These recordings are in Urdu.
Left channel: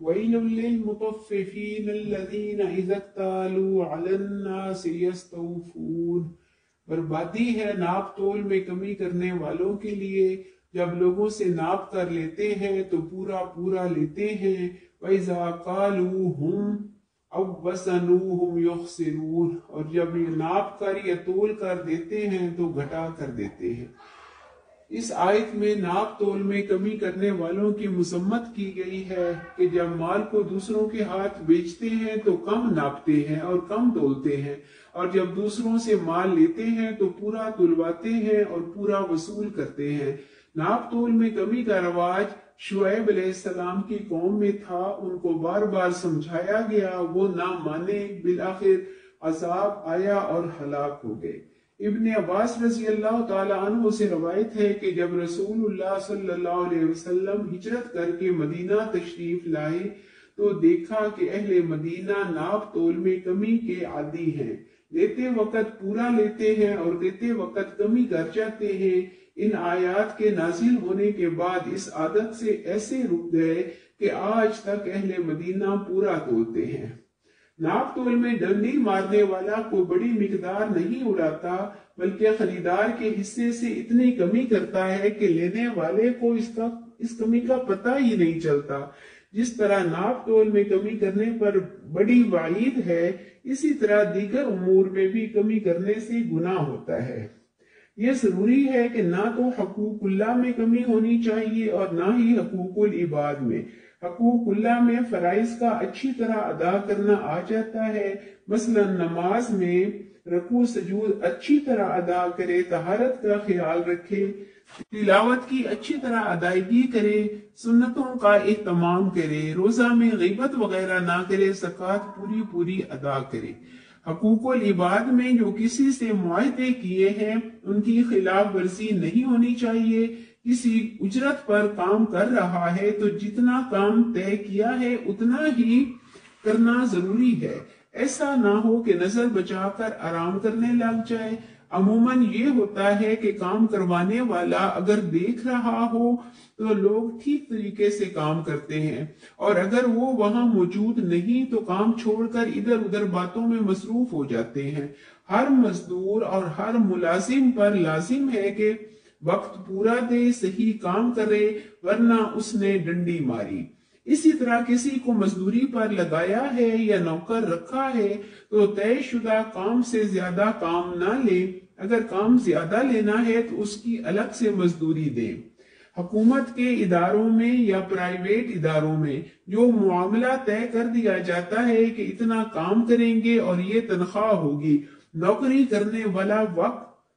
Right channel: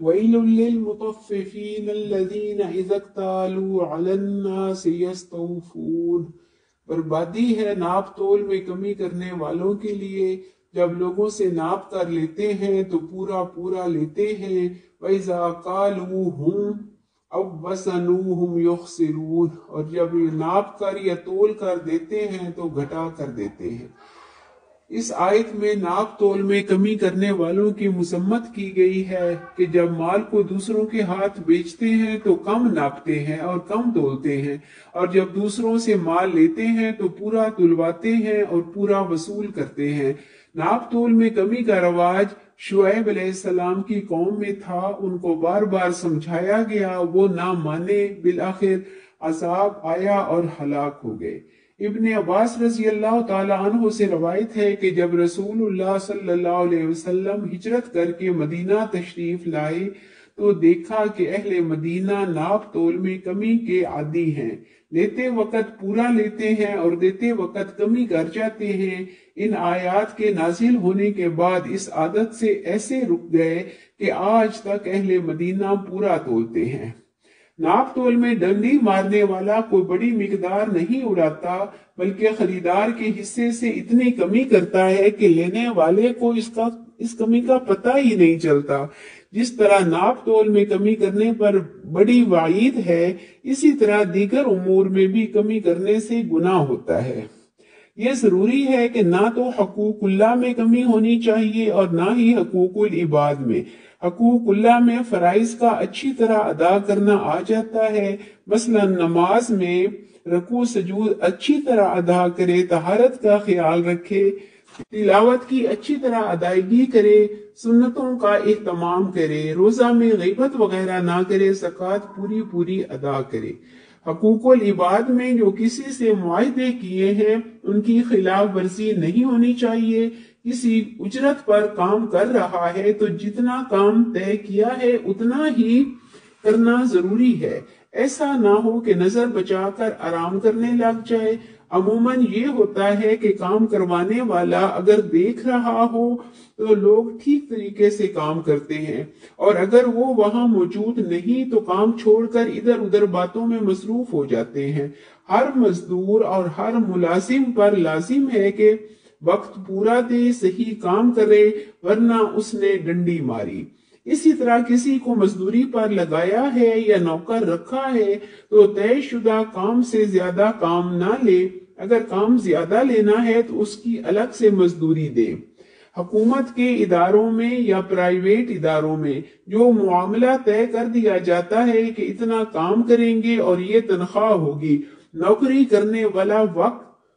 وَيْلٌ لِّلْمُطَفِّفِينَ الَّذِينَ إِذَا اكْتَالُوا عَلَى النَّاسِ يَسْتَوْفُونَ۔ بربادی ہے ناپ تول میں کمی کرنے والوں کے لیے، جب لوگوں سے ناپ کر لیتے ہیں تو پورا پورا لیتے ہیں۔ وَإِذَا قَالُوهُمْ أَوْ وَزَنُوهُمْ يُخْسِرُونَ، اور جب یہ ناپ کر یا تول کر دیتے ہیں تو گھٹا کر دیتے ہیں۔ اس آیت میں ناپ تول میں کمی کرنے والوں کی مذمت کی گئی ہے کہ جب مال کو دوسروں کے ہاتھ بیچتے ہیں تو کم ناپتے ہیں اور کم تولتے ہیں، اور جب دوسروں سے مال لیتے ہیں تو پورا تلواتے ہیں اور پورا وصول کرتے ہیں۔ ناپ تول میں کمی کا رواج شعیب علیہ السلام کی قوم میں تھا، ان کو بار بار سمجھایا گیا، وہ نہ مانے، بالآخر عذاب آیا اور ہلاک ہو گئے۔ ابن عباس رضی اللہ تعالی عنہ سے روایت ہے کہ جب رسول اللہ صلی اللہ علیہ وسلم ہجرت کر کے مدینہ تشریف لائے تو دیکھا کہ اہل مدینہ ناپ تول میں کمی کے عادی ہیں، لیتے وقت پورا لیتے ہیں اور دیتے وقت کمی کر جاتے ہیں۔ ان آیات کے نازل ہونے کے بعد اس عادت سے ایسے رک گئے کہ آج تک اہل مدینہ پورا تولتے ہیں۔ ناپ تول میں ڈنڈی مارنے والا کوئی بڑی مقدار نہیں اڑاتا، بلکہ خریدار کے حصے سے اتنی کمی کرتا ہے کہ لینے والے کو اس کمی کا پتہ ہی نہیں چلتا۔ جس طرح ناپ تول میں کمی کرنے پر بڑی وعید ہے، اسی طرح دیگر امور میں بھی کمی کرنے سے گناہ ہوتا ہے۔ یہ ضروری ہے کہ نہ تو حقوق اللہ میں کمی ہونی چاہیے اور نہ ہی حقوق العباد میں۔ حقوق اللہ میں فرائض کا اچھی طرح ادا کرنا آ جاتا ہے، مثلا نماز میں رکوع سجود اچھی طرح ادا کرے، طہارت کا خیال رکھے، تلاوت کی اچھی طرح ادائیگی کرے، سنتوں کا اہتمام کرے، روزہ میں غیبت وغیرہ نہ کرے، زکوٰۃ پوری پوری ادا کرے۔ حقوق العباد میں جو کسی سے معاہدے کیے ہیں ان کی خلاف ورزی نہیں ہونی چاہیے۔ کسی اجرت پر کام کر رہا ہے تو جتنا کام طے کیا ہے اتنا ہی کرنا ضروری ہے، ایسا نہ ہو کہ نظر بچا کر آرام کرنے لگ جائے۔ عموماً یہ ہوتا ہے کہ کام کروانے والا اگر دیکھ رہا ہو تو لوگ ٹھیک طریقے سے کام کرتے ہیں، اور اگر وہ وہاں موجود نہیں تو کام چھوڑ کر ادھر ادھر باتوں میں مصروف ہو جاتے ہیں۔ ہر مزدور اور ہر ملازم پر لازم ہے کہ وقت پورا دے، صحیح کام کرے، ورنہ اس نے ڈنڈی ماری۔ اسی طرح کسی کو مزدوری پر لگایا ہے یا نوکر رکھا ہے تو طے شدہ کام سے زیادہ کام نہ لے، اگر کام زیادہ لینا ہے تو اس کی الگ سے مزدوری دے۔ حکومت کے اداروں میں یا پرائیویٹ اداروں میں جو معاملہ طے کر دیا جاتا ہے کہ اتنا کام کریں گے اور یہ تنخواہ ہوگی، نوکری کرنے والا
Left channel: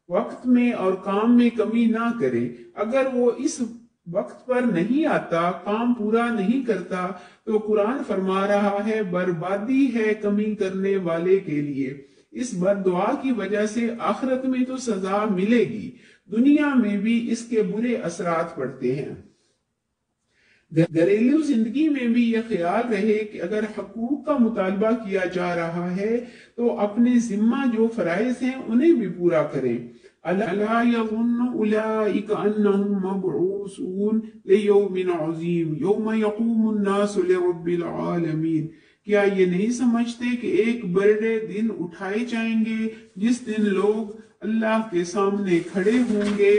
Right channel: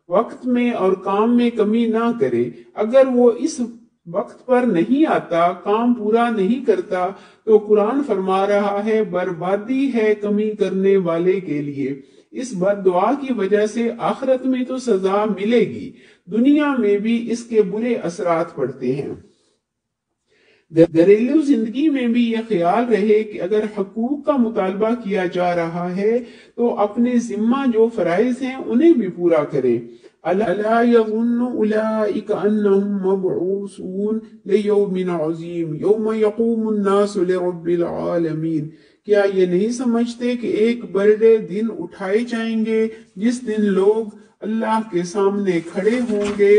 وقت میں اور کام میں کمی نہ کرے۔ اگر وہ اس وقت پر نہیں آتا، کام پورا نہیں کرتا تو قرآن فرما رہا ہے بربادی ہے کمی کرنے والے کے لیے۔ اس بد دعا کی وجہ سے آخرت میں تو سزا ملے گی، دنیا میں بھی اس کے برے اثرات پڑتے ہیں۔ گھریلو زندگی میں بھی یہ خیال رہے کہ اگر حقوق کا مطالبہ کیا جا رہا ہے تو اپنے ذمہ جو فرائض ہیں انہیں بھی پورا کریں۔ أَلَا يَظُنُّ أُولَئِكَ أَنَّهُمْ مَبْعُوثُونَ لِيَوْمٍ عَظِيمٍ يَوْمَ يَقُومُ النَّاسُ لِرَبِّ الْعَالَمِينَ۔ کیا یہ نہیں سمجھتے کہ ایک بڑے دن اٹھائے جائیں گے جس دن لوگ اللہ کے سامنے کھڑے ہوں گے؟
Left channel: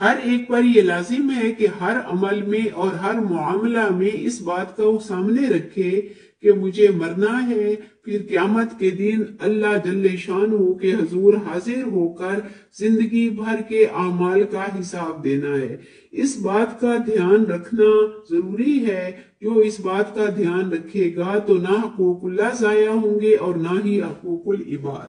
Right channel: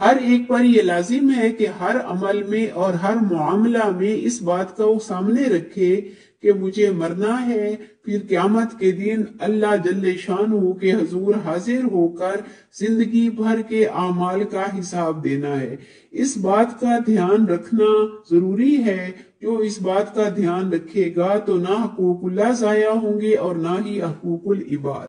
ہر ایک پر یہ لازم ہے کہ ہر عمل میں اور ہر معاملہ میں اس بات کو سامنے رکھے کہ مجھے مرنا ہے، پھر قیامت کے دن اللہ جل شانہ کے حضور حاضر ہو کر زندگی بھر کے اعمال کا حساب دینا ہے۔ اس بات کا دھیان رکھنا ضروری ہے۔ جو اس بات کا دھیان رکھے گا تو نہ حقوق اللہ ضائع ہوں گے اور نہ ہی حقوق العباد۔